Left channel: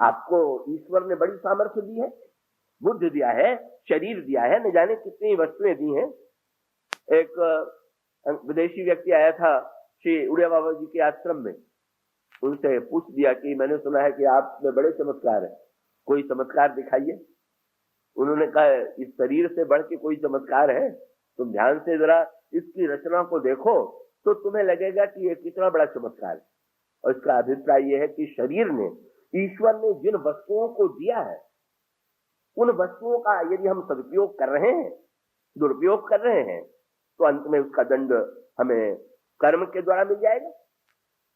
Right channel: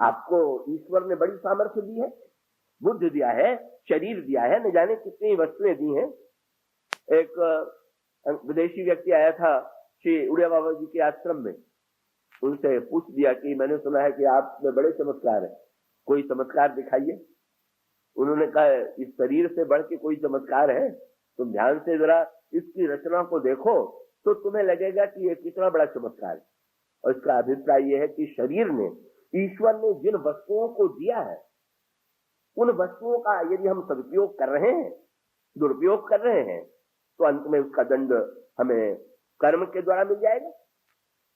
आपको ईश्वर ने बड़ी सामर्थ्य दी है, बुद्धि दिया है, शरीर दिया है, न जाने कितनी वस्तुएं दी हैं। एक विदेशी व्यक्ति आया था श्री उड़िया बाबा जी के आश्रम में, उनसे पूछ दिया कि मैंने सुना है कि आप में बड़े चमत्कार है, कोई चमत्कार दिखाइए। उन्होंने कहा इस शरीर से बढ़ के कोई चमत्कार है? तुम ध्यान से जरा इसकी रचना को देखो तो तुम्हें लगेगा कि ये कितना बड़ा चमत्कार है। और इसका अभिप्राय यह है कि शरीर ने, ईश्वर ने जिन वस्तुओं को दिया है, उन वस्तुओं का यदि हम सदुपयोग कर रहे हैं, दुरुपयोग कर रहे हैं, तो अंत में उसका दंड हमें कर्म के द्वारा मिल जाएगा।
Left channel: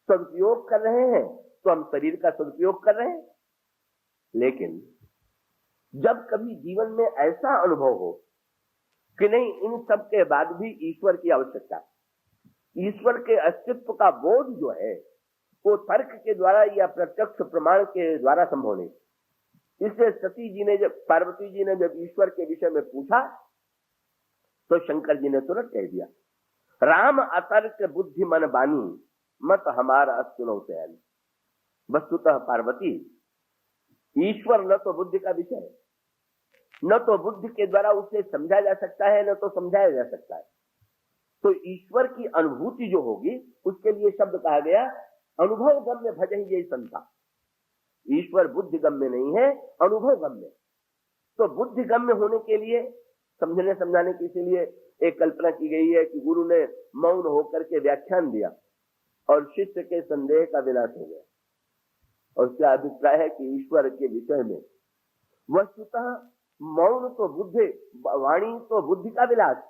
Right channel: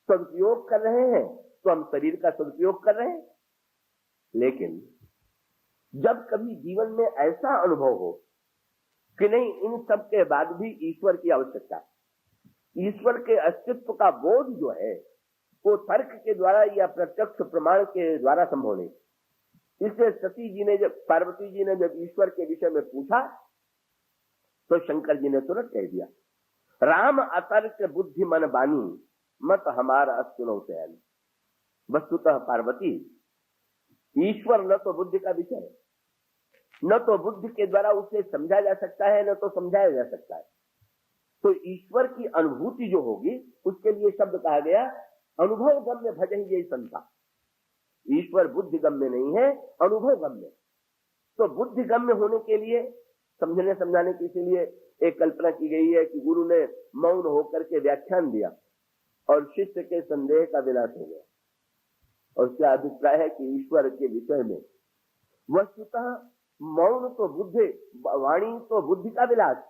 सदुपयोग कर रहे हैं तो हम शरीर का सदुपयोग कर रहे हैं। लेकिन जब कभी जीवन में ऐसा अनुभव हो कि नहीं, इन सब के बाद भी ईश्वर की आवश्यकता, ईश्वर के अस्तित्व का बोध जो है वो तर्क के द्वारा या प्रत्यक्ष प्रमाण के द्वारा संभव नहीं। इसलिए सती जी ने जब, पार्वती जी ने जब ईश्वर के विषय में पूछा तो शंकर जी ने तुरंत कह दिया, राम अतर्क बुद्धि मन बानी, मत हमारा सुनो सयानी। वस्तुतः पार्वती, ईश्वर न तो बुद्धि का विषय है, न तो बुद्धि के द्वारा उसे समझा जा सकता है, न तो समझाया जा सकता है। तो ईश्वर की अनुभूति जो होगी उसके लिए शब्द कहा गया अनुभव गम्य भजहि ये संता। ईश्वर बुद्धि गम्य नहीं है, अनुभव गम्य। तो बुद्धि गम्य होने के लिए, समझने समझाने के लिए एक कल्पना की गई है कि गुरु ने मौन होकर के व्याख्यान दिया और शिष्य के संदेह का विनाश हो गया। और उसका अभिप्राय है कि ईश्वर के विषय में वस्तुतः मौन तो बुद्धि, वाणी तो बुद्धि का विलास।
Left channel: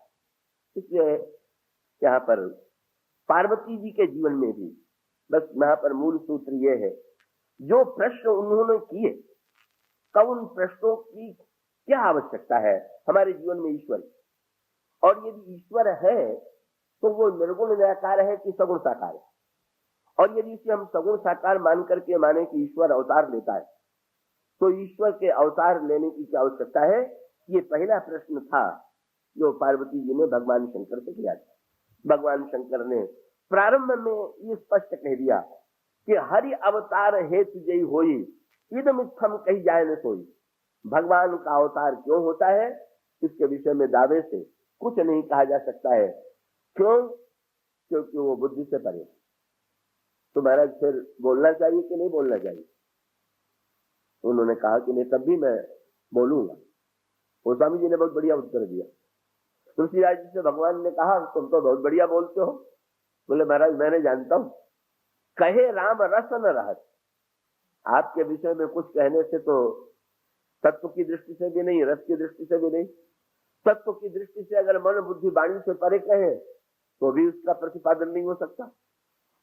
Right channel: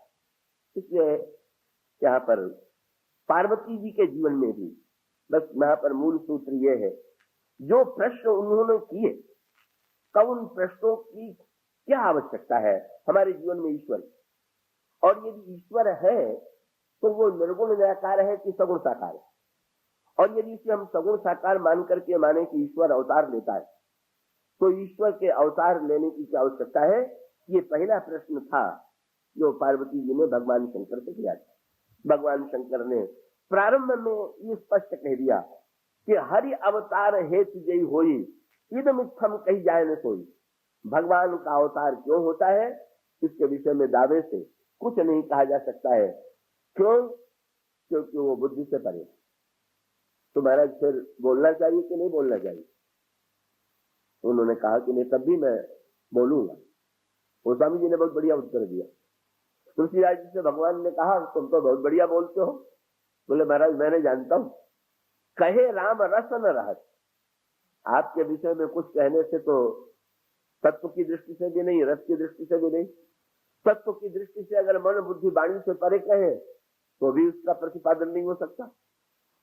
इसलिए यहाँ पर पार्वती जी के जीवन में भी बस यहाँ पर मूल सूत्र ये है, जो प्रश्न उन्होंने किए, कब उन प्रश्नों की क्या आवश्यकता है हमारे जीवन में ईश्वर की, और यदि ईश्वर है तो वो निर्गुण निराकार है कि सगुण साकार है। और यदि इसे हम सगुण साकार मान करके माने कि ईश्वर अवतार लेता है, तो ईश्वर के अवतार लेने की क्या आवश्यकता है? ये पहला प्रश्न था जो पार्वती जी ने भगवान शंकर से किया था। भगवान शंकर ने प्रारंभ में ये स्पष्ट कह दिया कि हरि अवतार हेतु जय होई, इदमित्थम कही जाए न सोई। भगवान का अवतार क्यों होता है, इसके विषय में दावे से कुछ नहीं कहा जा सकता है। क्यों? क्योंकि वो बुद्धि से परे। तो महाराज फिर बोलना चाहिए कि नहीं बोलना चाहिए? उन्होंने कहा कि नहीं, तब भी मैं बोलूंगा। गोस्वामी जी ने बहुत बढ़िया उत्तर दिया। तुलसीदास जी से भगवान ने कहा, तुम तो बहुत बढ़िया बोलते हो। बोले महाराज मैंने जानता हूं, कहे राम रस न रहत। आपके विषय में कुछ कहने से तो तत्व की दृष्टि से भी नहीं, रस की दृष्टि से भी नहीं। तत्व की दृष्टि से अगर मन बुद्धि वाणी से परे कहे तो भी उसका प्रतिपादन नहीं हो सकता।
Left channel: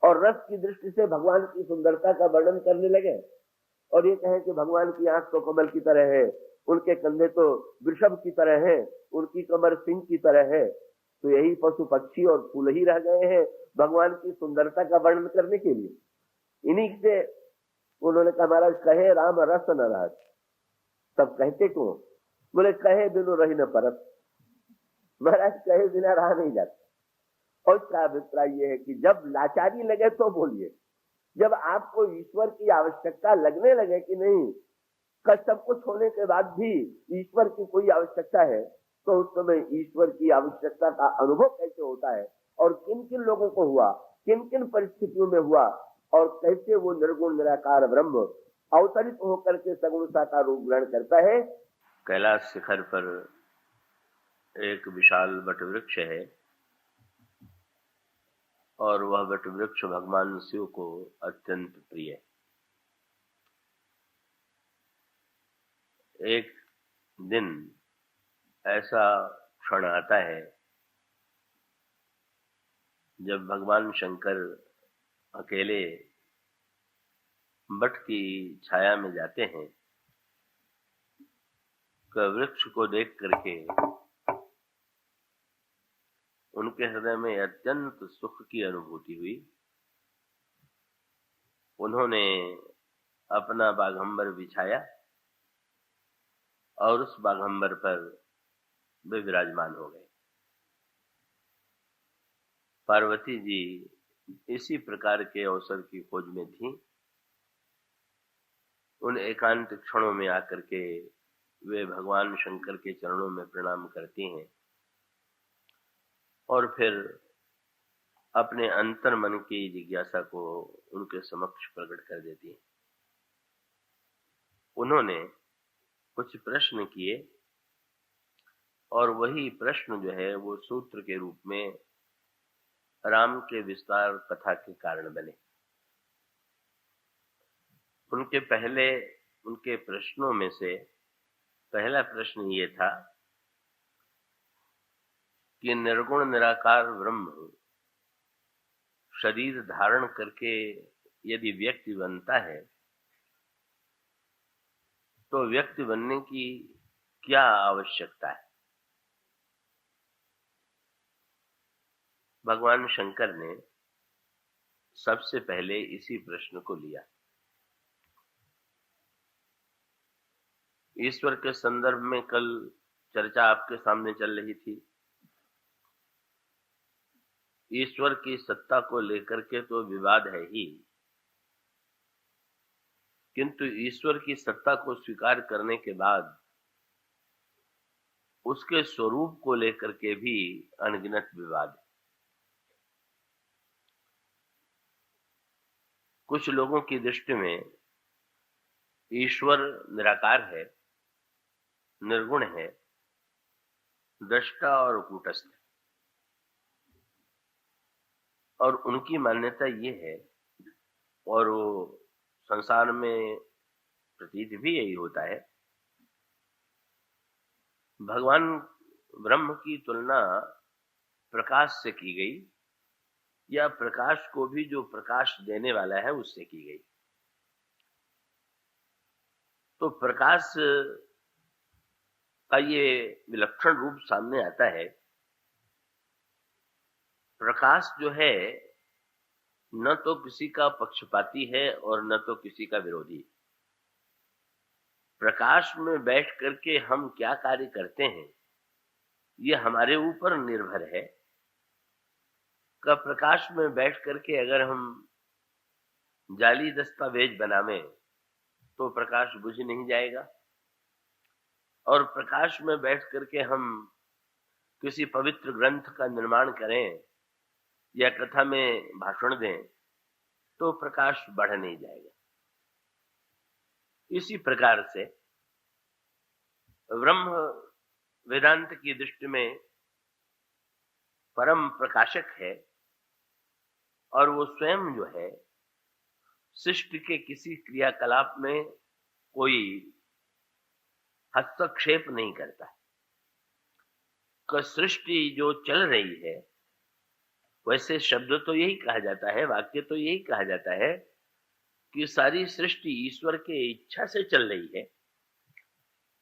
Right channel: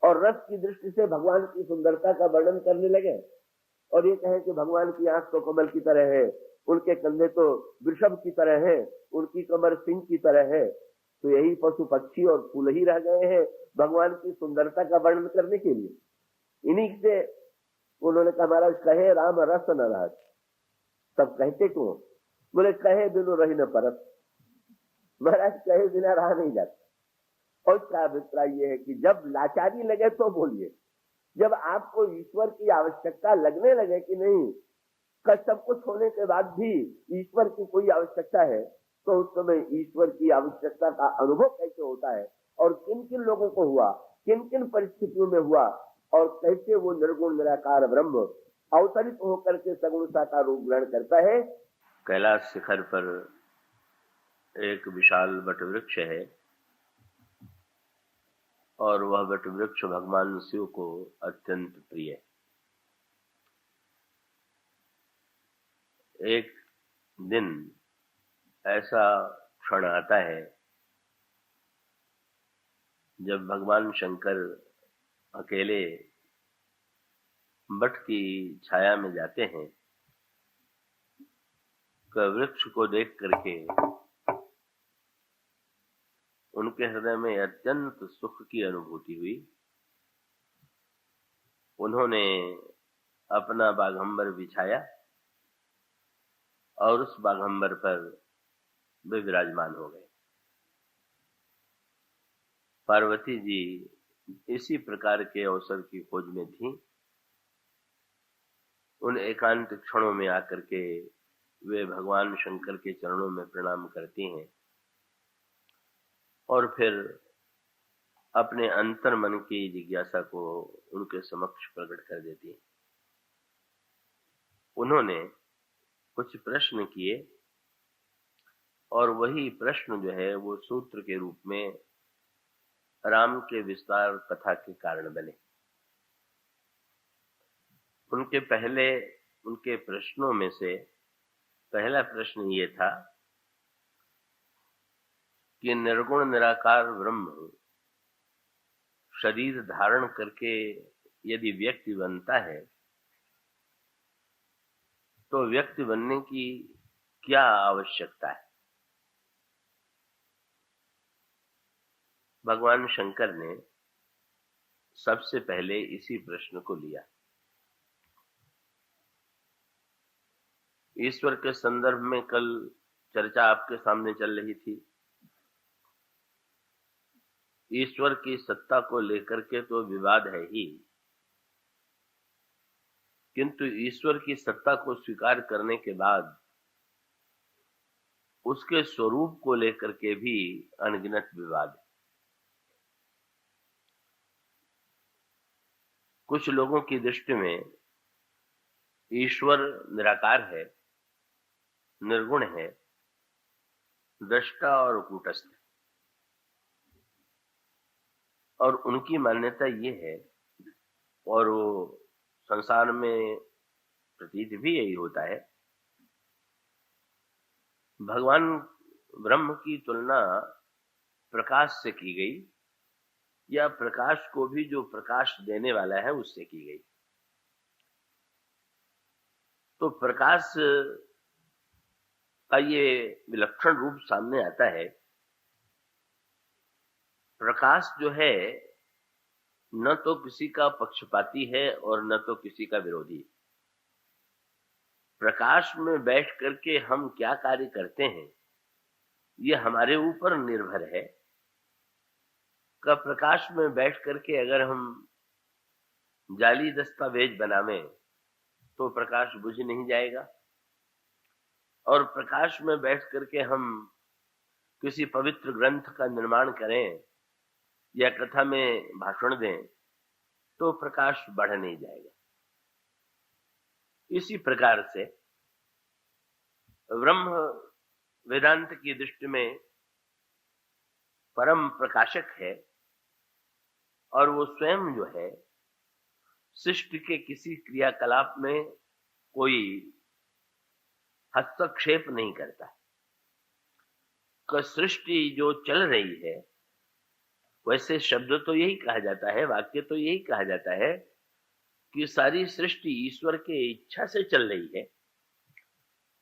और रस की दृष्टि से भगवान की सुंदरता का वर्णन करने लगे और ये कहें कि भगवान की आंख तो कमल की तरह है, उनके कंधे तो वृषभ की तरह है, उनकी कमर सिंह की तरह है, तो यही पशु पक्षी और फूल ही रह गए हैं भगवान की सुंदरता का वर्णन करने के लिए। इन्हीं से उन्होंने कहा महाराज कहे राम रस न रहत। तब कहते क्यों? बोले कहे बिनु रही न परत। महाराज कहे बिना रहा नहीं जाता। और इसका अभिप्राय यह है कि जब लाचारी लगे तो बोलिए, जब आपको ईश्वर की आवश्यकता लगने लगे कि नहीं, सब कुछ होने के बाद भी ईश्वर की कोई आवश्यकता है, तो उस समय ईश्वर की आवश्यकता का अनुभव कैसे होता है और किन किन लोगों को हुआ, किन किन परिस्थितियों में हुआ, और कैसे वो निर्गुण निराकार ब्रह्म अवतरित होकर के सगुण साकार रूप ग्रहण करता है। कैलाश शिखर पर एक विशाल वटवृक्ष है और वह वटवृक्ष भगवान शिव को अत्यंत प्रिय है। एक दिन ऐसा क्षण आता है जब भगवान शंकर अकेले वट की छाया में जाते हैं। वृक्ष को देख करके उनके हृदय में अत्यंत सुख की अनुभूति हुई। उन्होंने अपना बाघंबर बिछाया और उस बाघंबर पर वे विराजमान हो गए। पार्वती जी इसी प्रकार के अवसर की खोज में थी उन एकांत क्षणों में आकर के वे भगवान शंकर के चरणों में प्रणाम करती हैं और फिर अपने अंतर मन की जिज्ञासा को उनके समक्ष प्रकट कर देती हैं। उन्होंने कुछ प्रश्न किए और वही प्रश्न जो है वो सूत्र के रूप में राम के विस्तार कथा के कारण बने। उनके प्रश्नों में से पहला प्रश्न ये था कि निर्गुण निराकार ब्रह्म शरीर धारण करके यदि व्यक्ति बनता है तो व्यक्ति बनने की क्या आवश्यकता है। भगवान शंकर ने सबसे पहले इसी प्रश्न को लिया। ईश्वर के संदर्भ में कल चर्चा आपके सामने चल रही थी। ईश्वर की सत्ता को लेकर के तो विवाद है ही, किंतु ईश्वर की सत्ता को स्वीकार करने के बाद उसके स्वरूप को लेकर के भी अनगिनत विवाद है। कुछ लोगों की दृष्टि में ईश्वर निराकार है, निर्गुण है, दृष्टा और कूटस्थ है, और उनकी मान्यता ये है और वो संसार में प्रतीत भी यही होता है। भगवान ब्रह्म की तुलना प्रकाश से की गई या प्रकाश को भी जो प्रकाश देने वाला है उससे की गई। तो प्रकाश का ये विलक्षण रूप सामने आता है। प्रकाश जो है न तो किसी का पक्षपाती है और न तो किसी का विरोधी। प्रकाश में बैठ करके हम क्या कार्य करते हैं ये हमारे ऊपर निर्भर है। का प्रकाश में बैठ करके अगर हम जाली दस्तावेज बनावें तो प्रकाश बुझ नहीं जाएगा, और प्रकाश में बैठ करके हम किसी पवित्र ग्रंथ का निर्माण करें या कथा में भाषण दें तो प्रकाश बढ़ नहीं जाएगा। इसी प्रकार से ब्रह्म वेदांत की दृष्टि में परम प्रकाशक है और वो स्वयं जो है सृष्टि के किसी क्रियाकलाप में कोई हस्तक्षेप नहीं करता। सृष्टि जो चल रही है, वैसे शब्द तो यही कहा जाता है, वाक्य तो यही कहा जाता है कि सारी सृष्टि ईश्वर के इच्छा से चल रही है।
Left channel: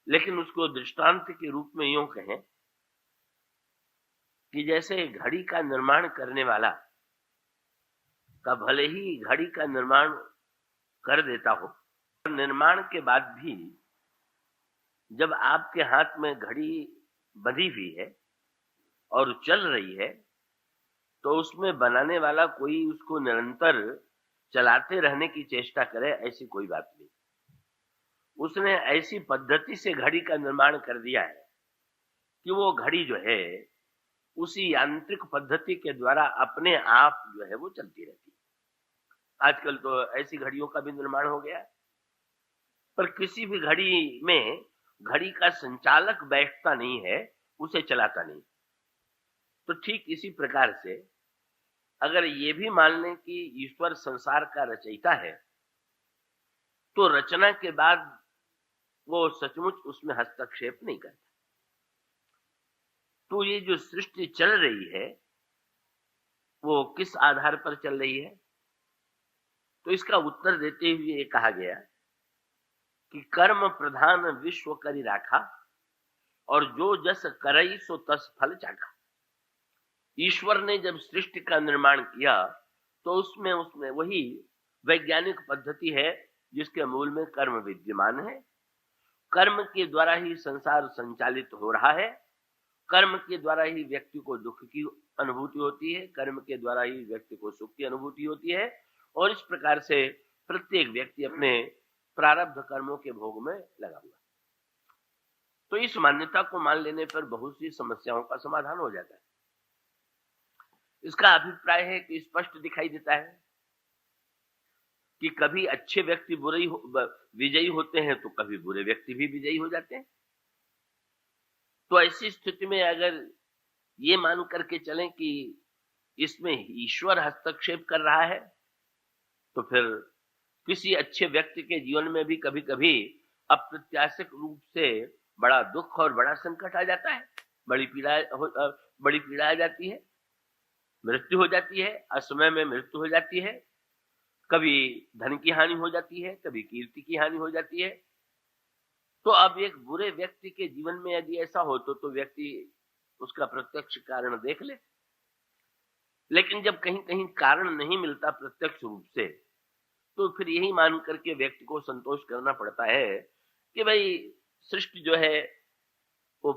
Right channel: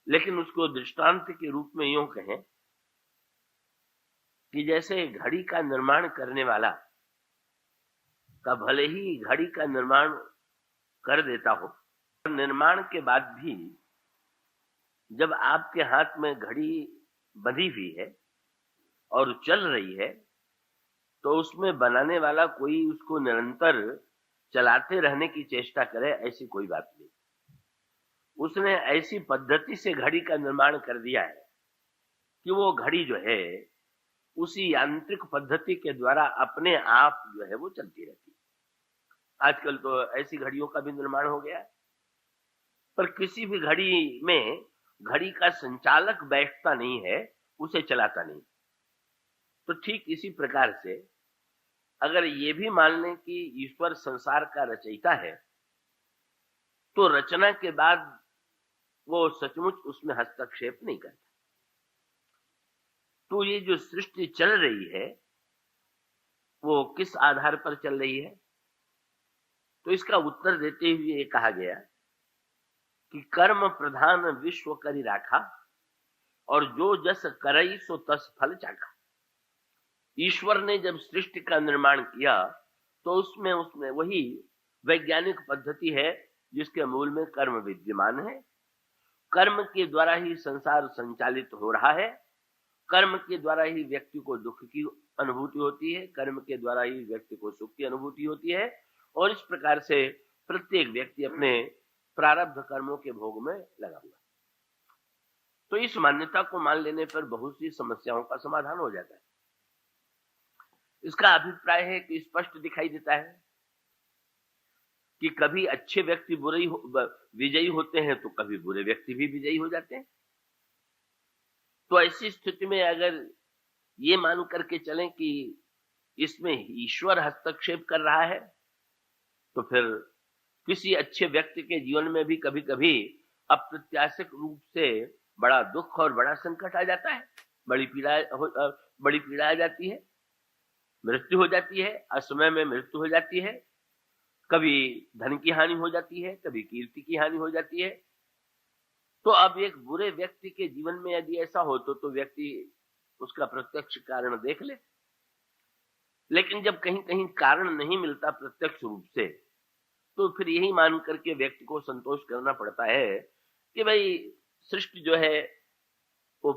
लेकिन उसको दृष्टांत के रूप में यूं कहें कि जैसे घड़ी का निर्माण करने वाला का भले ही घड़ी का निर्माण कर देता हो, निर्माण के बाद भी जब आपके हाथ में घड़ी बंधी हुई है और चल रही है तो उसमें बनाने वाला कोई उसको निरंतर चलाते रहने की चेष्टा करे, ऐसी कोई बात नहीं। उसने ऐसी पद्धति से घड़ी का निर्माण कर दिया है कि वो घड़ी जो है उसी यांत्रिक पद्धति के द्वारा अपने आप जो है वो चलती रहती है। आजकल तो ऐसी घड़ियों का भी निर्माण हो गया है, पर किसी भी घड़ी में घड़ी का संचालक बैठता नहीं है, उसे चलाता नहीं। तो ठीक इसी प्रकार से अगर ये भी मान लें कि ईश्वर संसार का रचयिता है, तो रचना के बाद वो सचमुच उसमें हस्तक्षेप नहीं करता। तो ये जो सृष्टि चल रही है वो किस आधार पर चल रही है? तो इसका उत्तर देते हुए ये कहा गया कि कर्म प्रधान विश्व करी राखा और जो जस करई सो तस फल चाखा। ईश्वर ने जब सृष्टि का निर्माण किया तो उसमें वही वैज्ञानिक पद्धति है जिसके मूल में कर्म विद्यमान है। कर्म के द्वारा ही संसार संचालित हो रहा है, कर्म के द्वारा ही व्यक्ति को दुख की अनुभूति होती है, कर्म के द्वारा ही व्यक्ति को सुख की अनुभूति होती है। और इस प्रकार से प्रत्येक व्यक्ति अपने प्रारब्ध कर्मों के भोग में लगा हुआ। तो इस मान्यता को मान लेने पर बहुत सी समस्याओं का समाधान हो जाता है। इसका अभिप्राय है कि स्पष्ट दिखाई देता है कि कभी अच्छे व्यक्ति विजयी होते हैं तो कभी बुरे व्यक्ति भी विजयी हो जाते हैं। तो ऐसी स्थिति में अगर ये मान करके चलें कि इसमें ईश्वर हस्तक्षेप कर रहा है, तो फिर किसी अच्छे व्यक्ति के जीवन में भी कभी कभी अप्रत्याशित रूप से बड़ा दुख और बड़ा संकट आ जाता है, बड़ी पीड़ा आ जाती है, मृत्यु हो जाती है, असमय में मृत्यु हो जाती है, कभी धन की हानि हो जाती है, कभी कीर्ति की हानि हो जाती है। तो अब एक बुरे व्यक्ति के जीवन में यदि ऐसा हो तो व्यक्ति उसका प्रत्यक्ष कारण देख ले। लेकिन जब कहीं कहीं कारण नहीं मिलता प्रत्यक्ष रूप से, तो फिर यही मान करके व्यक्ति को संतोष करना पड़ता है कि भाई सृष्टि जो है वो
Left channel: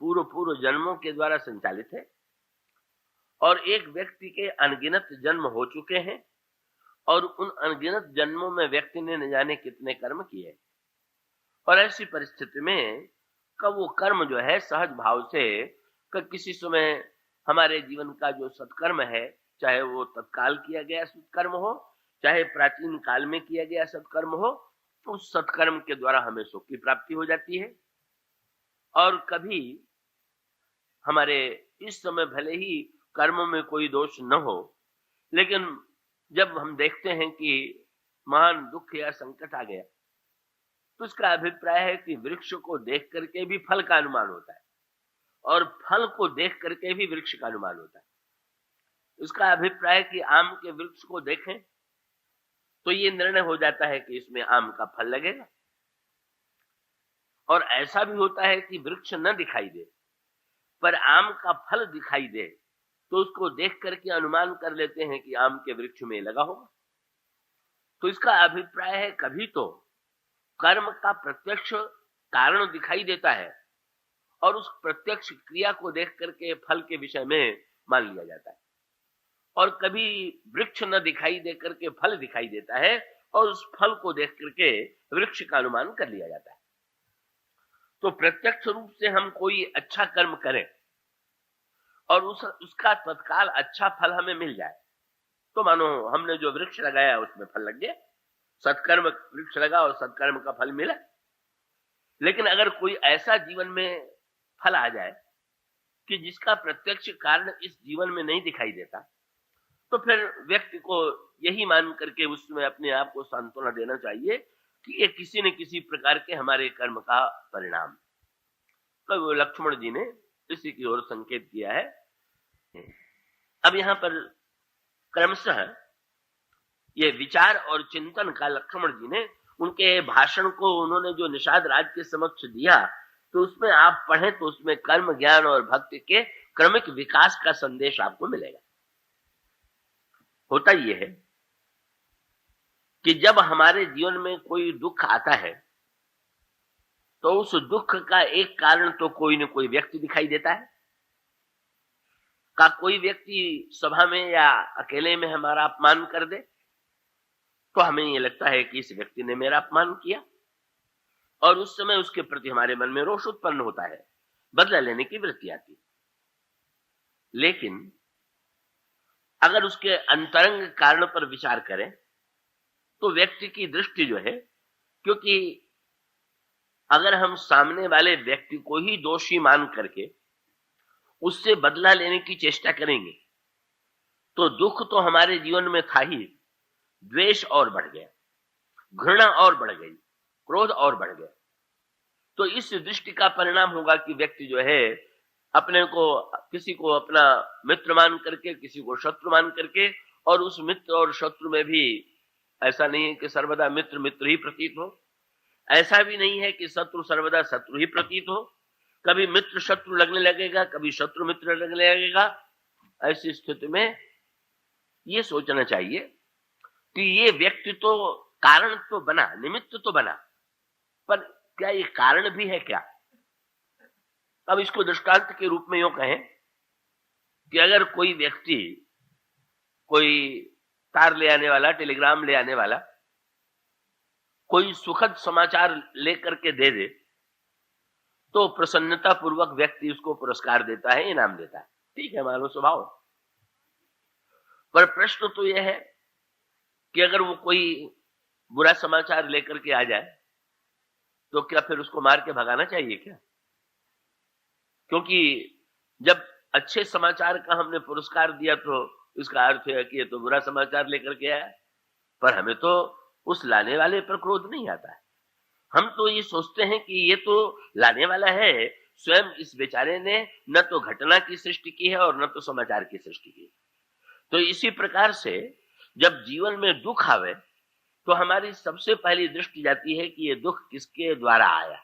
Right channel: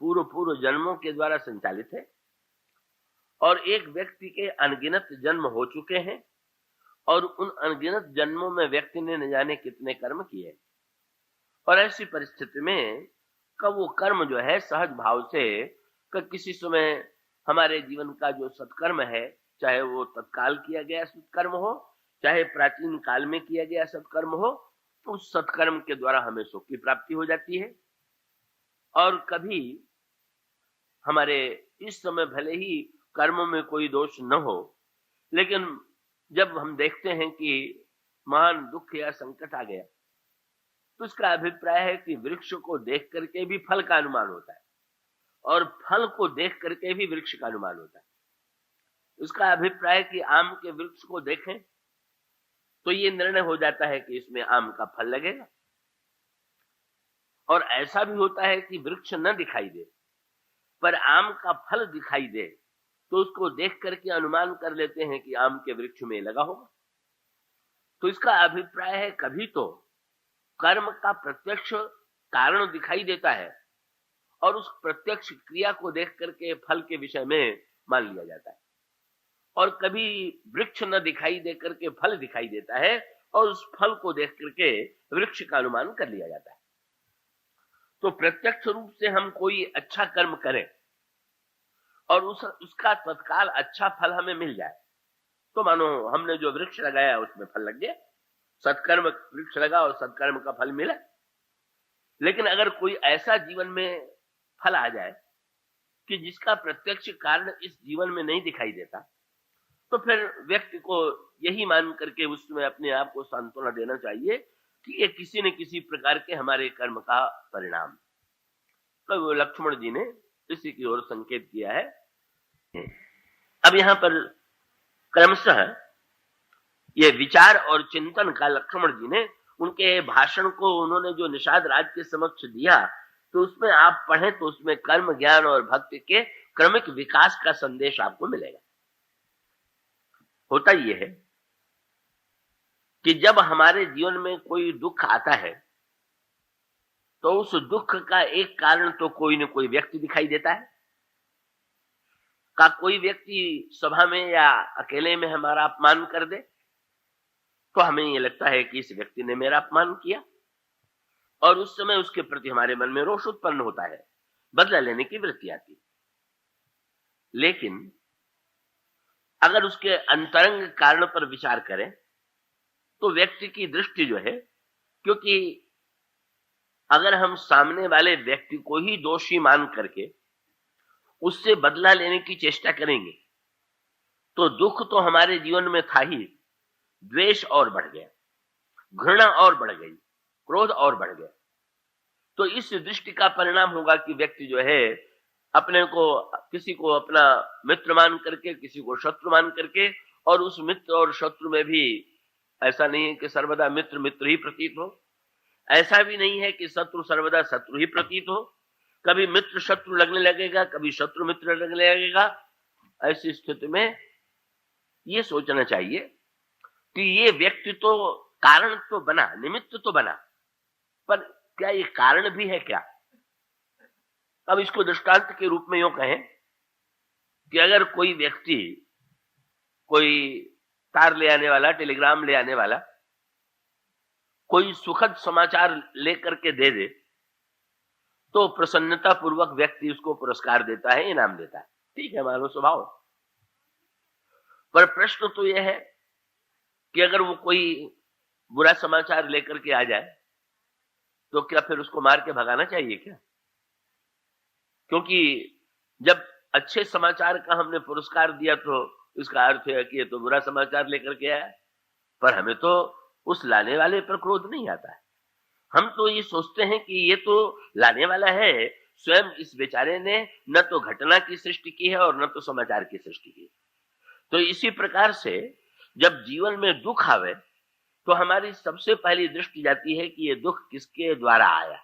पूर्व जन्मों के द्वारा संचालित है और एक व्यक्ति के अनगिनत जन्म हो चुके हैं और उन अनगिनत जन्मों में व्यक्ति ने न जाने कितने कर्म किए। और ऐसी परिस्थिति में कब वो कर्म जो है सहज भाव से किसी समय हमारे जीवन का जो सत्कर्म है, चाहे वो तत्काल किया गया सत्कर्म हो, चाहे प्राचीन काल में किया गया सत्कर्म हो, तो उस सत्कर्म के द्वारा हमें सुख की प्राप्ति हो जाती है। और कभी हमारे इस समय भले ही कर्म में कोई दोष न हो, लेकिन जब हम देखते हैं कि महान दुख या संकट आ गया, तो उसका अभिप्राय है कि वृक्ष को देख करके भी फल का अनुमान होता है और फल को देख करके भी वृक्ष का अनुमान होता है। उसका अभिप्राय कि आम के वृक्ष को देखें तो ये निर्णय हो जाता है कि इसमें आम का फल लगेगा, और ऐसा भी होता है कि वृक्ष न दिखाई दे पर आम का फल दिखाई दे, तो उसको देख करके अनुमान कर लेते हैं कि आम के वृक्ष में लगा होगा। तो इसका अभिप्राय है कभी तो कर्म का प्रत्यक्ष कारण दिखाई देता है और उस प्रत्यक्ष क्रिया को देख करके फल के विषय में मान लिया जाता है, और कभी वृक्ष न दिखाई दे करके फल दिखाई देता है और उस फल को देख करके वृक्ष का अनुमान कर लिया जाता है। तो प्रत्यक्ष रूप से हम कोई अच्छा कर्म करें और उसका तत्काल अच्छा फल हमें मिल जाए, तो मानो हमने जो वृक्ष लगाया उसमें फल लग गया, सत्कर्म वृक्ष लगा और सत्कर्म का फल मिला। लेकिन अगर कोई ऐसा जीवन में फल आ जाए कि जिसका प्रत्यक्ष कारण इस जीवन में नहीं दिखाई देता, तो फिर व्यक्ति को यही मान करके उसमें अपने आप को सांत्वना देना चाहिए कि ये किसी न किसी प्रकार के हमारे कर्म का परिणाम। तो लक्ष्मण जी ने इसी की ओर संकेत किया है। अब यहां पर क्रमशः ये विचार और चिंतन का लक्ष्मण जी ने उनके भाषण को उन्होंने जो निषाद राज के समक्ष दिया, तो उसमें आप पढ़ें तो उसमें कर्म, ज्ञान और भक्ति के क्रमिक विकास का संदेश आपको मिलेगा। होता यह है कि जब हमारे जीवन में कोई दुख आता है तो उस दुख का एक कारण तो कोई न कोई व्यक्ति दिखाई देता है। का कोई व्यक्ति सभा में या अकेले में हमारा अपमान कर दे तो हमें ये लगता है कि इस व्यक्ति ने मेरा अपमान किया, और उस समय उसके प्रति हमारे मन में रोष उत्पन्न होता है, बदला लेने की वृत्ति आती है। लेकिन अगर उसके अंतरंग कारण पर विचार करें तो व्यक्ति की दृष्टि जो है, क्योंकि अगर हम सामने वाले व्यक्ति को ही दोषी मान करके उससे बदला लेने की चेष्टा करेंगे तो दुख तो हमारे जीवन में था ही, द्वेष और बढ़ गया, घृणा और बढ़ गई, क्रोध और बढ़ गया। तो इस दृष्टि का परिणाम होगा कि व्यक्ति जो है अपने को किसी को अपना मित्र मान करके, किसी को शत्रु मान करके, और उस मित्र और शत्रु में भी ऐसा नहीं है कि सर्वदा मित्र मित्र ही प्रतीत हो, ऐसा भी नहीं है कि शत्रु सर्वदा शत्रु ही प्रतीत हो। कभी मित्र शत्रु लगने लगेगा, कभी शत्रु मित्र लगने लगेगा। ऐसी स्थिति में ये सोचना चाहिए कि ये व्यक्ति तो कारण तो बना, निमित्त तो बना, पर क्या ये कारण भी है क्या? अब इसको दृष्टांत के रूप में यूं कहें कि अगर कोई व्यक्ति कोई तार ले आने वाला, टेलीग्राम ले आने वाला कोई सुखद समाचार लेकर के दे दे तो प्रसन्नता पूर्वक व्यक्ति उसको पुरस्कार देता है, इनाम देता है। ठीक है, मानव स्वभाव। पर प्रश्न तो यह है कि अगर वो कोई बुरा समाचार लेकर के आ जाए तो क्या फिर उसको मार के भगाना चाहिए क्या? क्योंकि जब अच्छे समाचार का हमने पुरस्कार दिया तो इसका अर्थ है कि ये तो बुरा समाचार लेकर के आया। पर हमें तो उस लाने वाले पर क्रोध नहीं आता है। हम तो ये सोचते हैं कि ये तो लाने वाला है, स्वयं इस बेचारे ने न तो घटना की सृष्टि की है और न तो समाचार की सृष्टि की। तो इसी प्रकार से जब जीवन में दुख आवे तो हमारी सबसे पहली दृष्टि जाती है कि ये दुख किसके द्वारा आया,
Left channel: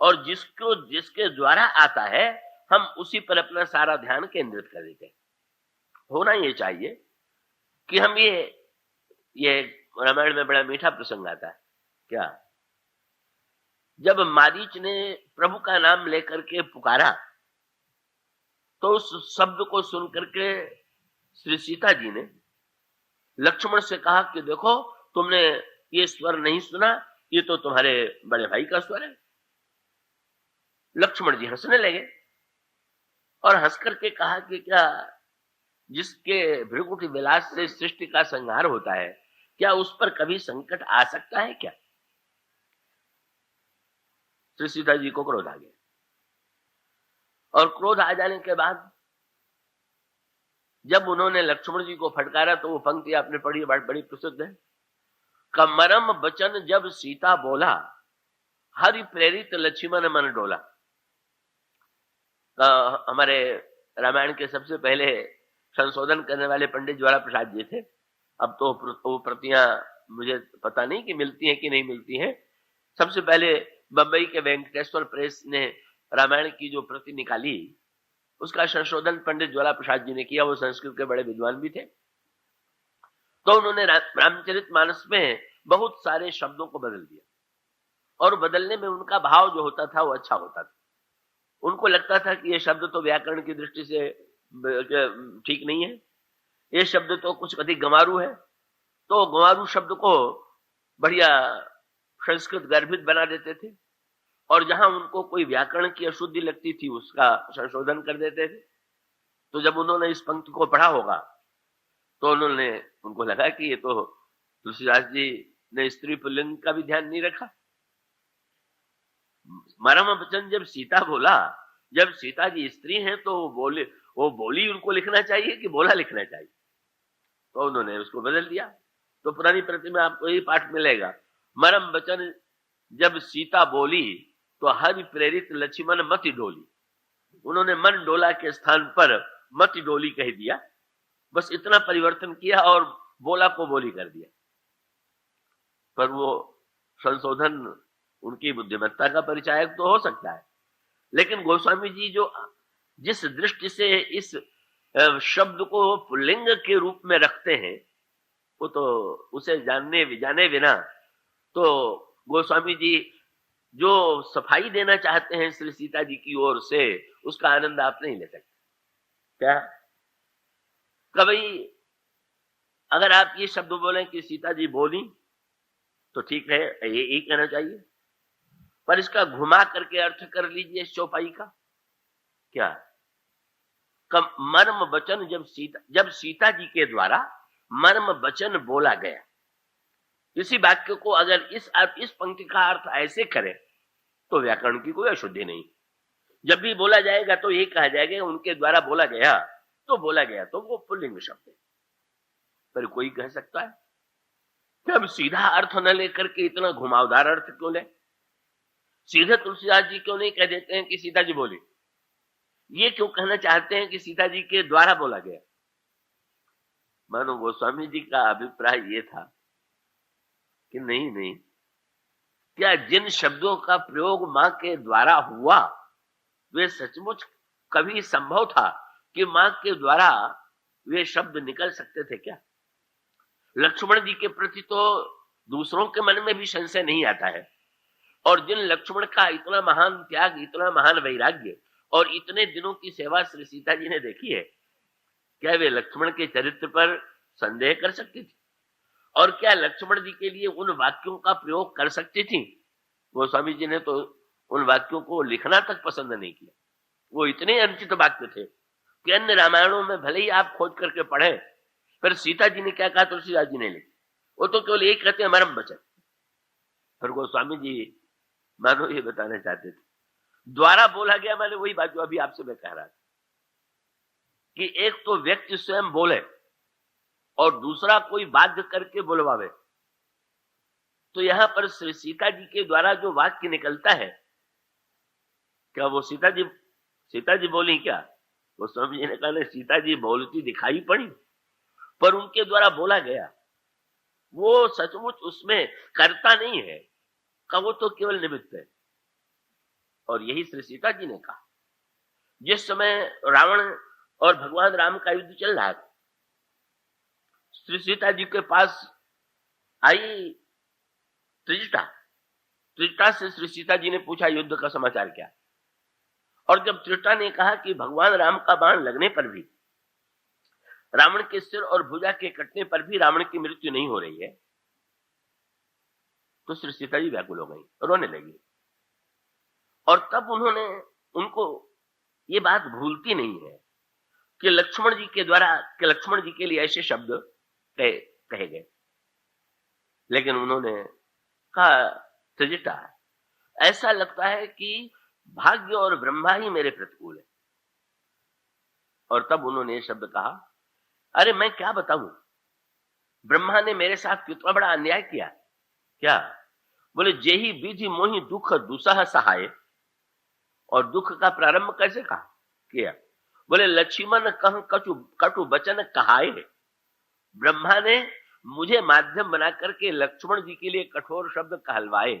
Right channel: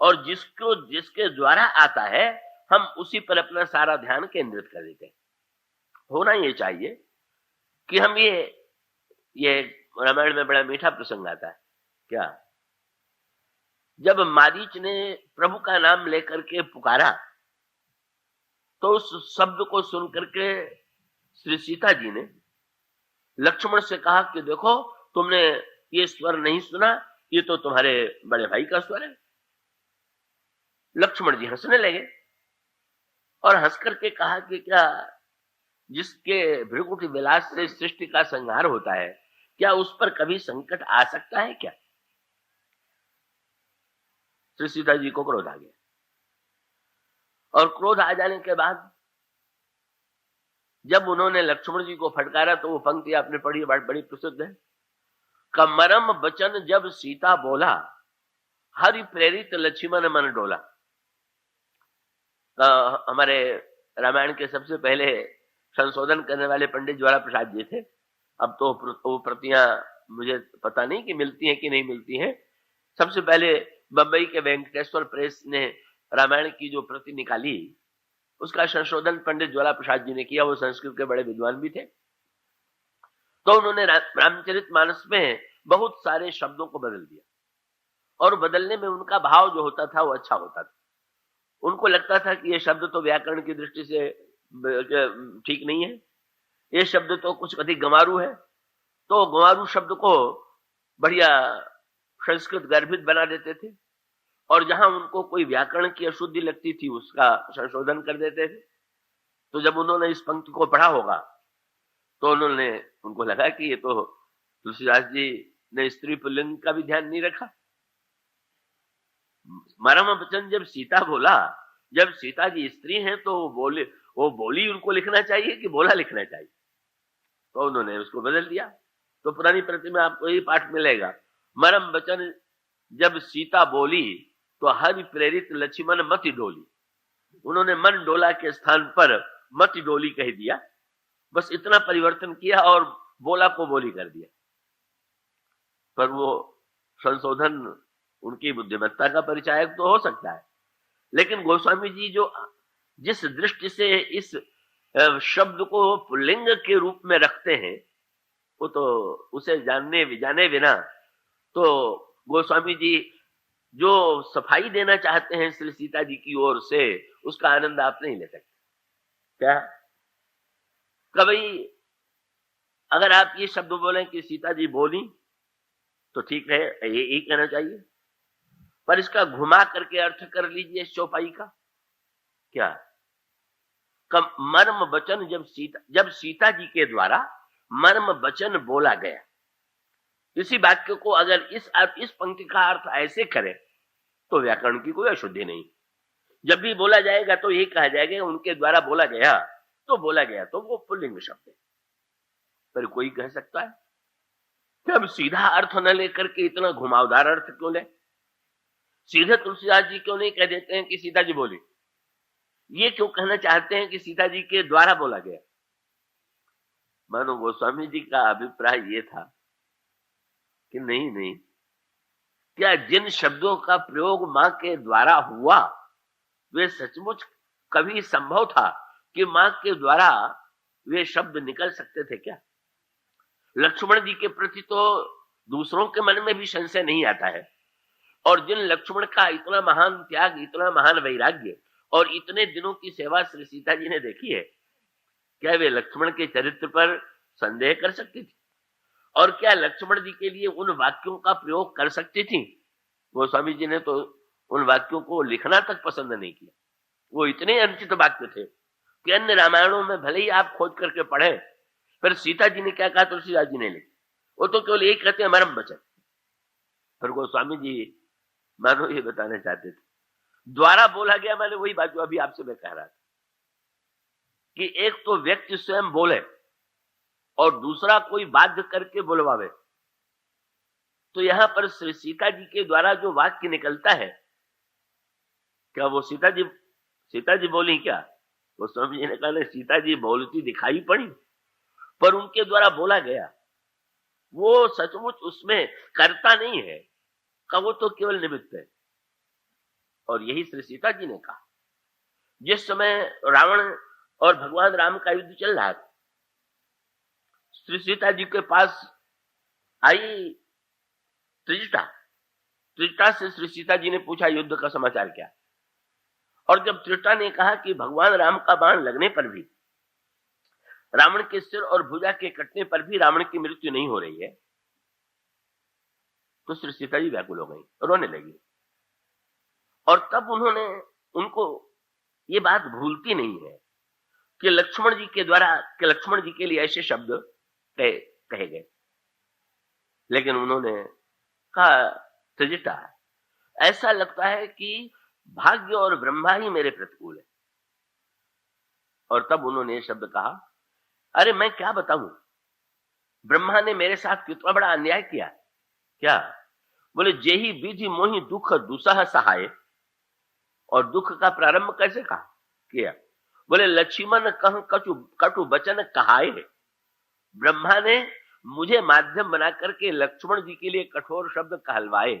और जिसके द्वारा आता है हम उसी पर अपना सारा ध्यान केंद्रित कर देते हैं। होना ये चाहिए कि हम ये रामायण में बड़ा मीठा प्रसंग आता है क्या, जब मारीच ने प्रभु का नाम लेकर के पुकारा तो उस शब्द को सुनकर के श्री सीता जी ने लक्ष्मण से कहा कि देखो तुमने ये स्वर नहीं सुना, ये तो तुम्हारे बड़े भाई का स्वर है। लक्ष्मण जी हंसने लगे और हंस करके कहा कि क्या जिसके भृगुटी विलास से सृष्टि का संहार होता है, क्या उस पर कभी संकट आ सकता है क्या? श्री सीता जी को क्रोध आ गया, और क्रोध आ जाने के बाद जब उन्होंने लक्ष्मण जी को फटकारा तो वो पंक्ति आपने पढ़ी, बड़ी प्रसिद्ध है। कमरम बचन जब सीता बोला, हरि प्रेरित लक्ष्मण मन डोला। हमारे रामायण के सबसे पहले संशोधन करने वाले पंडित ज्वाला प्रसाद जी थे। अब तो वो प्रतियां मुझे पता नहीं कि मिलती हैं कि नहीं मिलती हैं। सबसे पहले बंबई के वेंकटेश्वर प्रेस ने रामायण की जो प्रति निकाली उसका संशोधन पंडित ज्वाला प्रसाद जी ने किया। वो संस्कृत के बड़े विद्वान भी थे। तो उन्होंने रामचरितमानस में बहुत सारे शब्दों को बदल दिया, और बदलने में उनका भाव जो होता था वो अच्छा होता था। उनको लगता था कि ये शब्द तो व्याकरण की दृष्टि से ठीक नहीं है, ये शब्द तो कुछ अधिक गंवारू है, तो गंवारू शब्द को बढ़िया संस्कृत गर्भित बना देते थे, और जहां उनको कोई व्याकरण की अशुद्धि लगती थी उसका संशोधन कर देते थे। तो जब उन्होंने इस पंक्ति को पढ़ा होगा तो उनको लगा कि ये तो तुलसीदास जी ने स्त्री पुल्लिंग का भी ध्यान नहीं रखा। मरम वचन जब सीता बोला, जब सीता जी स्त्री हैं तो वो बोली उनको लिखना चाहिए कि बोला लिखना चाहिए, तो उन्होंने उसको बदल दिया। तो पुरानी प्रति में आपको यही पाठ मिलेगा, मरम वचन जब सीता बोली तो हरि प्रेरित लक्ष्मण मति डोली। उन्होंने मन डोला के स्थान पर मति डोली कह दिया, बस इतना परिवर्तन किया और बोला को बोली कर दिया। पर वो संशोधन उनकी बुद्धिमत्ता का परिचायक तो हो सकता है, लेकिन गोस्वामी जी जो जिस दृष्टि से इस शब्द को पुल्लिंग के रूप में रखते हैं वो तो उसे जाने बिना तो गोस्वामी जी जो सफाई देना चाहते हैं श्री सीता जी की ओर से उसका आनंद आप नहीं ले सकते क्या? कभी अगर आप ये शब्द बोलें कि सीता जी बोली तो ठीक है, यही कहना चाहिए, पर इसका घुमा करके अर्थ कर लीजिए चौपाई का क्या, मर्म वचन जब सीता जी के द्वारा मर्म वचन बोला गया। इसी वाक्य को अगर इस पंक्ति का अर्थ ऐसे करें तो व्याकरण की कोई अशुद्धि नहीं। जब भी बोला जाएगा तो यही कहा जाएगा उनके द्वारा बोला गया तो वो पुल्लिंग शब्द है। पर कोई कह सकता है कि अब सीधा अर्थ न लेकर के इतना घुमावदार अर्थ क्यों ले? सीधे तुलसीदास जी क्यों नहीं कह देते हैं कि सीता जी बोली? ये क्यों कहना चाहते हैं कि सीता जी के द्वारा बोला गया? मानो गोस्वामी जी का अभिप्राय ये था कि नहीं, क्या जिन शब्दों का प्रयोग मां के द्वारा हुआ वे सचमुच कभी संभव था कि मां के द्वारा वे शब्द निकल सकते थे क्या? लक्ष्मण जी के प्रति तो दूसरों के मन में भी संशय नहीं आता है, और जिन लक्ष्मण का इतना महान त्याग, इतना महान वैराग्य और इतने दिनों की सेवा श्री सीता जी ने देखी है, क्या वे लक्ष्मण के चरित्र पर संदेह कर सकती थी? और क्या लक्ष्मण जी के लिए उन वाक्यों का प्रयोग कर सकती थी? गोस्वामी जी ने तो उन वाक्यों को लिखना तक पसंद नहीं किया। वो इतने अनुचित वाक्य थे कि अन्य रामायणों में भले ही आप खोज करके पढ़े, फिर सीता जी ने क्या कहा तुलसीदास जी ने लिखा, वो तो केवल एक कहते हैं मरम वचन। फिर गोस्वामी जी मानो ये बताना चाहते थे, द्वारा बोला गया, मैंने वही बात जो अभी आपसे मैं कह रहा था कि एक तो व्यक्ति स्वयं बोले और दूसरा कोई बाध्य करके बुलवावे। तो यहां पर श्री सीता जी के द्वारा जो वाक्य निकलता है, क्या वो सीता जी बोली क्या? वो स्वामी जी ने कहा नहीं, सीता जी बोलती दिखाई पड़ी, पर उनके द्वारा बोला गया वो सचमुच उसमें कर्ता नहीं है, का वो तो केवल निमित्त है। और यही श्री सीता जी ने कहा। जिस समय रावण और भगवान राम का युद्ध चल रहा था, श्री सीता जी के पास आई त्रिजटा से श्री सीता जी ने पूछा युद्ध का समाचार क्या? और जब त्रिजटा ने कहा कि भगवान राम का बाण लगने पर भी, रावण के सिर और भुजा के कटने पर भी रावण की मृत्यु नहीं हो रही है, तो श्री सीता जी व्याकुल हो गई, रोने लगी। और तब उनको ये बात भूलती नहीं है कि लक्ष्मण जी के लिए ऐसे शब्द कहे गए। लेकिन उन्होंने कहा, त्रिजटा, ऐसा लगता है कि भाग्य और ब्रह्मा ही मेरे प्रतिकूल है। और तब उन्होंने ये शब्द कहा, अरे मैं क्या बताऊं, ब्रह्मा ने मेरे साथ कितना बड़ा अन्याय किया। क्या? बोले, जेहि विधि मोहि दुख दुसह सहाय। और दुख का प्रारंभ कैसे कहा किया? बोले, लक्ष्मण कह कटु वचन कहाए। ब्रह्मा ने मुझे माध्यम बना करके लक्ष्मण जी के लिए कठोर शब्द कहलवाए।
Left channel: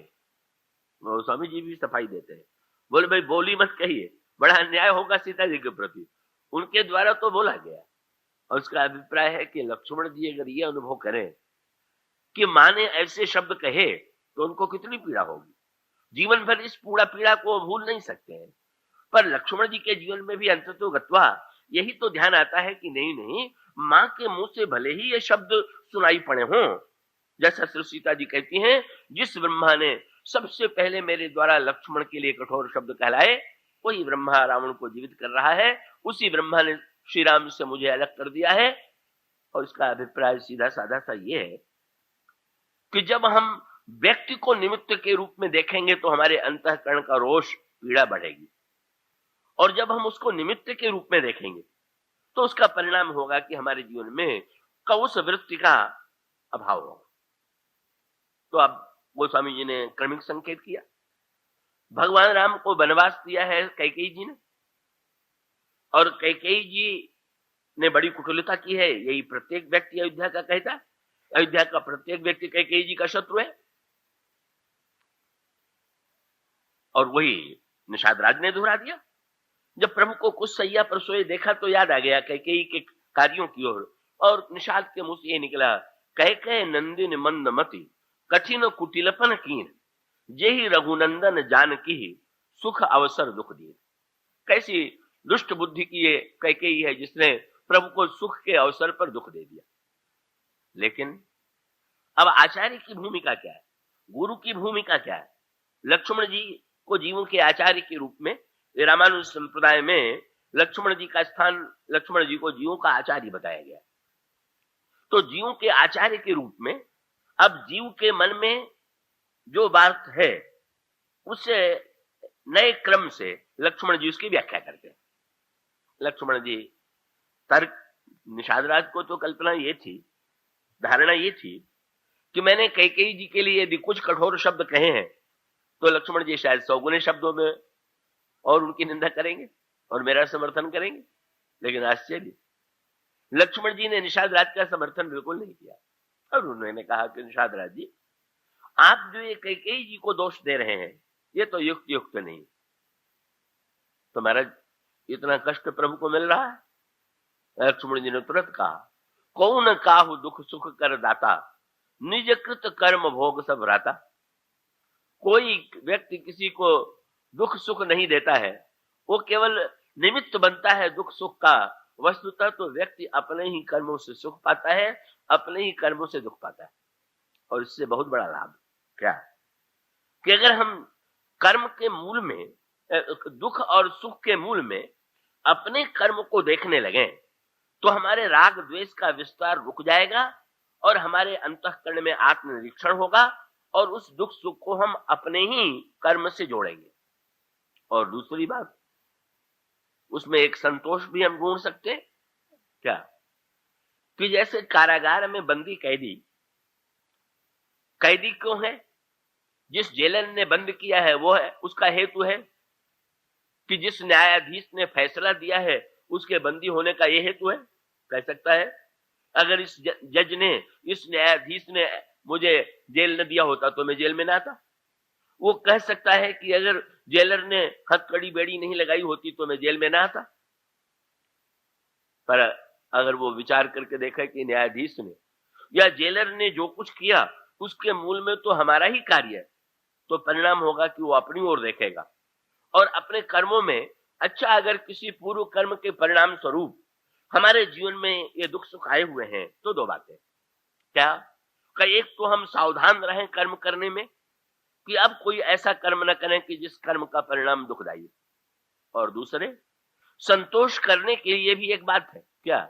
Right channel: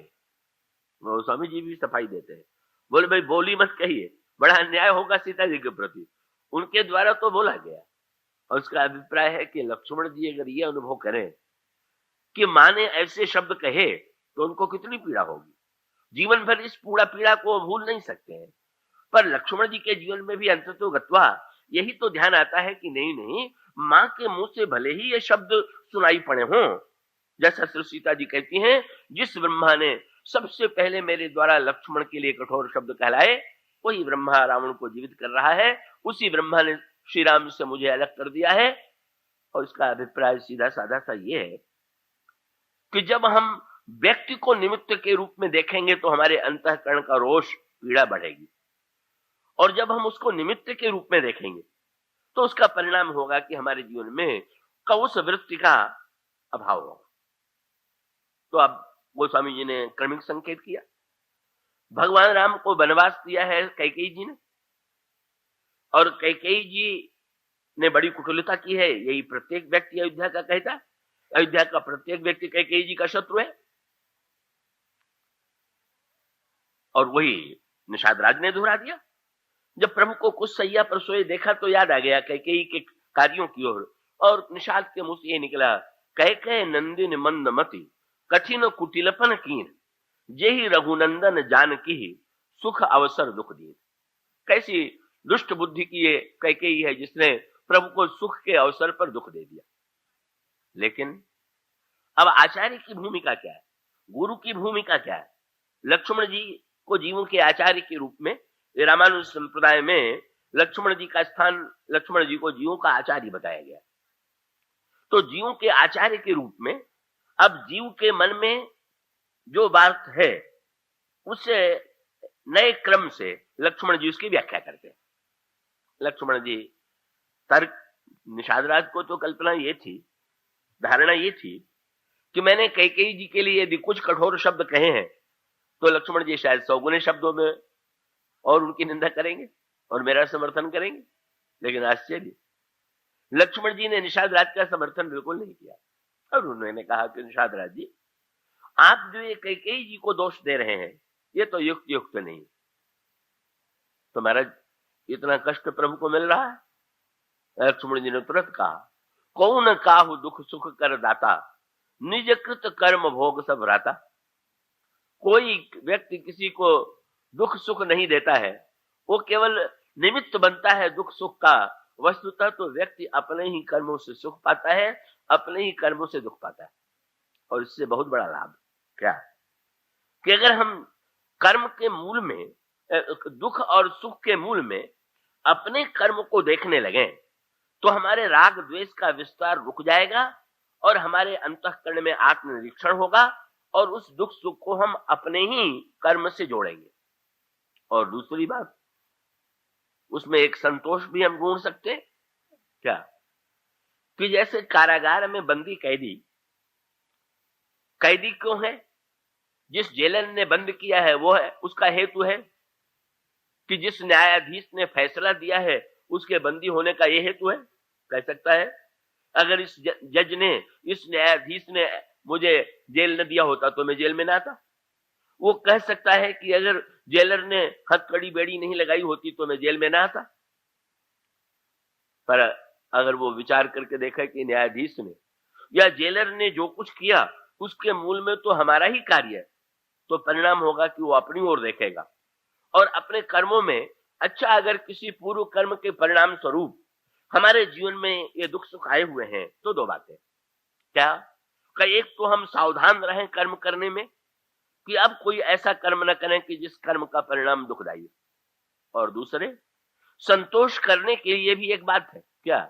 स्वामी जी भी सफाई देते हैं, बोले भाई बोली मत कहिए, बड़ा अन्याय होगा सीता जी के प्रति। उनके द्वारा तो बोला गया। और उसका अभिप्राय है कि लक्ष्मण जी अगर ये अनुभव करें कि मां ने ऐसे शब्द कहे तो उनको कितनी पीड़ा होगी। जीवन भर इस पूरा पीड़ा को भूल नहीं सकते हैं। पर लक्ष्मण जी के जीवन में भी अंततो गत्वा यही तो ध्यान आता है कि नहीं, मां के मुंह से भले ही ये शब्द सुनाई पड़े हों, जैसा श्री सीता जी कहती हैं, जिस ब्रह्मा ने सबसे पहले मेरे द्वारा लक्ष्मण के लिए कठोर शब्द कहलाए, वही ब्रह्मा रावण को जीवित कर रहा है। उसी ब्रह्मा ने श्री राम से मुझे अलग कर दिया है। और इसका अभिप्राय सीधा साधा सा ये है कि जब हम व्यक्ति को निमित्त के रूप में देखेंगे तो हमारे अंतःकरण का रोष, पीड़ा बढ़ेगी। और जब हम उसको निमित्त के रूप में देखेंगे तो उसका परिणाम होगा कि हमारे जीवन में कौश वृत्ति का अभाव होगा। तो अब गोस्वामी जी ने क्रमिक संकेत किया। भगवान राम को वनवास दिया है कैकेयी जी ने, और कैकेयी जी ने बड़ी कुटिलता की है। यही प्रत्येक व्यक्ति अयोध्या का कहता है। अयोध्या का प्रत्येक व्यक्ति कैकेयी जी का शत्रु है। और वही निषाद राज ने दोहरा दिया। जब प्रभु को कुछ सैया पर सोए देखा तो याद आ गया कैकेयी के कार्यों की ओर, और निषाद के मुंह से ये निकला, कैकेय नंदिन मंदमति कठिन कुटिलपन कीन, जेहि रघुनंदन जानकी सुख अवसर दुख दिए। कैसी दुष्ट बुद्धि की ये कैकेयी है जिसने प्रभु को सुख के अवसर पर दुख दे दिया। लेकिन अब आचार्य की भूमिका क्या है, गुरु की भूमिका क्या है? लक्ष्मण जी को जीवों के आचार्य के रूप में रामानुज संप्रदाय में लक्ष्मण जी का स्थान, लक्ष्मण जी को जीवों का आचार्य बताया गया। तो जीवों के आचार्य के रूप में अब जीव के मन में जो बात है उससे नए क्रम से लक्ष्मण जी उसकी व्याख्या करते हैं। लक्ष्मण जी तर्क, निषाद राज को तो कल्पना ये थी, धारणा ये थी कि मैंने कैकेयी जी के लिए यदि कुछ कठोर शब्द कहे हैं तो लक्ष्मण जी शायद 100 गुने शब्दों में और उनकी निंदा करेंगे और मेरा समर्थन करेंगे। लेकिन आश्चर्य, लक्ष्मण जी ने निषाद राज का समर्थन बिल्कुल नहीं किया। और उन्होंने कहा कि निषाद राज जी, आप जो ये कैकेयी जी को दोष दे रहे हैं ये तो युक्त नहीं। तो महाराज, इतना कष्ट प्रभु को मिल रहा है। लक्ष्मण जी ने तुरंत कहा, कौन काहु दुख सुख कर दाता, निज कृत कर्म भोग सब राता। कोई व्यक्ति किसी को दुख सुख नहीं देता है, वो केवल निमित्त बनता है दुख सुख का। वस्तुतः तो व्यक्ति अपने ही कर्मों से सुख पाता है, अपने ही कर्मों से दुख पाता है। और इससे बहुत बड़ा लाभ क्या है कि अगर हम कर्म के मूल में, दुख और सुख के मूल में अपने कर्म को देखने लगे तो हमारे राग द्वेष का विस्तार रुक जाएगा और हमारे अंतःकरण में आत्मनिरीक्षण होगा और उस दुख सुख को हम अपने ही कर्म से जोड़ेंगे। और दूसरी बात, उसमें एक संतोष भी हम ढूंढ सकते क्या कि जैसे कारागार में बंदी कैदी क्यों है? जिस जेलर ने बंद किया है वो है, उसका हेतु है कि जिस न्यायाधीश ने फैसला दिया है उसके बंदी होने का यह हेतु है। कह सकता है अगर इस जज ने, इस न्यायाधीश ने मुझे जेल न दिया होता तो मैं जेल में ना आता। वो कह सकता है कि अगर जेलर ने हथकड़ी बेड़ी नहीं लगाई होती तो मैं जेल में ना आता। पर अगर वो विचार करके देखा कि न्यायाधीश ने या जेलर ने जो कुछ किया उसके मूल में तो हमारा ही कार्य है, तो परिणाम होगा कि वो अपनी ओर देखेगा और अपने कर्मों में अच्छा, अगर किसी पूर्व कर्म के परिणाम स्वरूप हमारे जीवन में ये दुख सुख आए हुए हैं तो दो बातें क्या कि एक तो हम सावधान रहें कर्म करने में कि अब कोई ऐसा कर्म न करें कि जिस कर्म का परिणाम दुखदायी, और दूसरे संतोष करने के लिए भी एक बात है क्या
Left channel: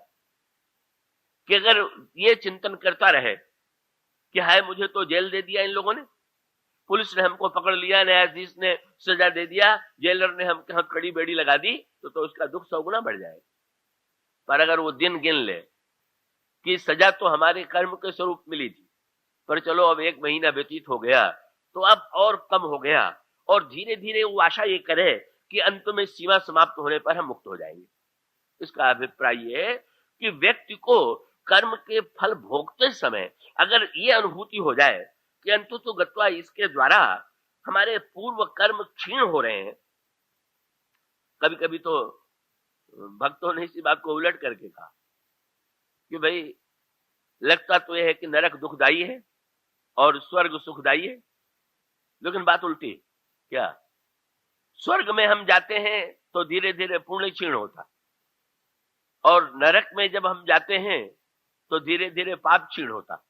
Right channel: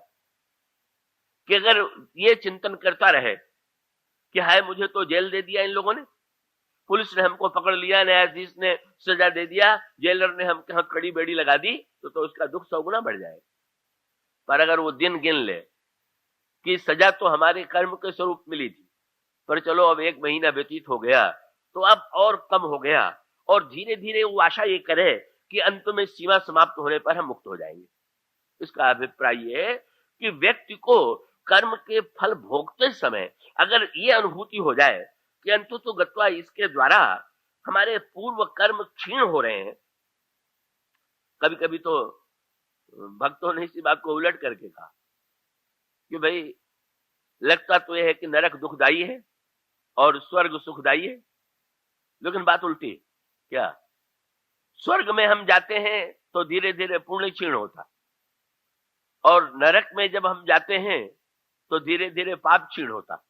कि अगर ये चिंतन करता रहे कि हाय मुझे तो जेल दे दिया इन लोगों ने, पुलिस ने हमको पकड़ लिया, न्यायाधीश ने सजा दे दिया, जेलर ने हमके हाथ कड़ी बेड़ी लगा दी, तो उसका दुख 100 गुना बढ़ जाएगा। पर अगर वो दिन गिन ले कि सजा तो हमारे कर्म के स्वरूप मिली थी, पर चलो अब 1 महीना व्यतीत हो गया तो अब और कम हो गया, और धीरे धीरे वो आशा ये करे कि अंत में सीमा समाप्त होने पर हम मुक्त हो जाएंगे। इसका अभिप्राय ये है कि व्यक्ति को कर्म के फल भोगते समय अगर ये अनुभूति हो जाए कि अंततः गत्वा इसके द्वारा हमारे पूर्व कर्म क्षीण हो रहे हैं। कभी कभी तो भक्तों ने इसी बात को उलट करके कहा कि भाई लगता तो यह है कि नरक दुखदायी है और स्वर्ग सुखदायी है, लेकिन बात उल्टी क्या, स्वर्ग में हम जाते हैं तो धीरे धीरे पुण्य क्षीण होता, और नरक में जब हम जाते हैं तो धीरे धीरे पाप क्षीण होता।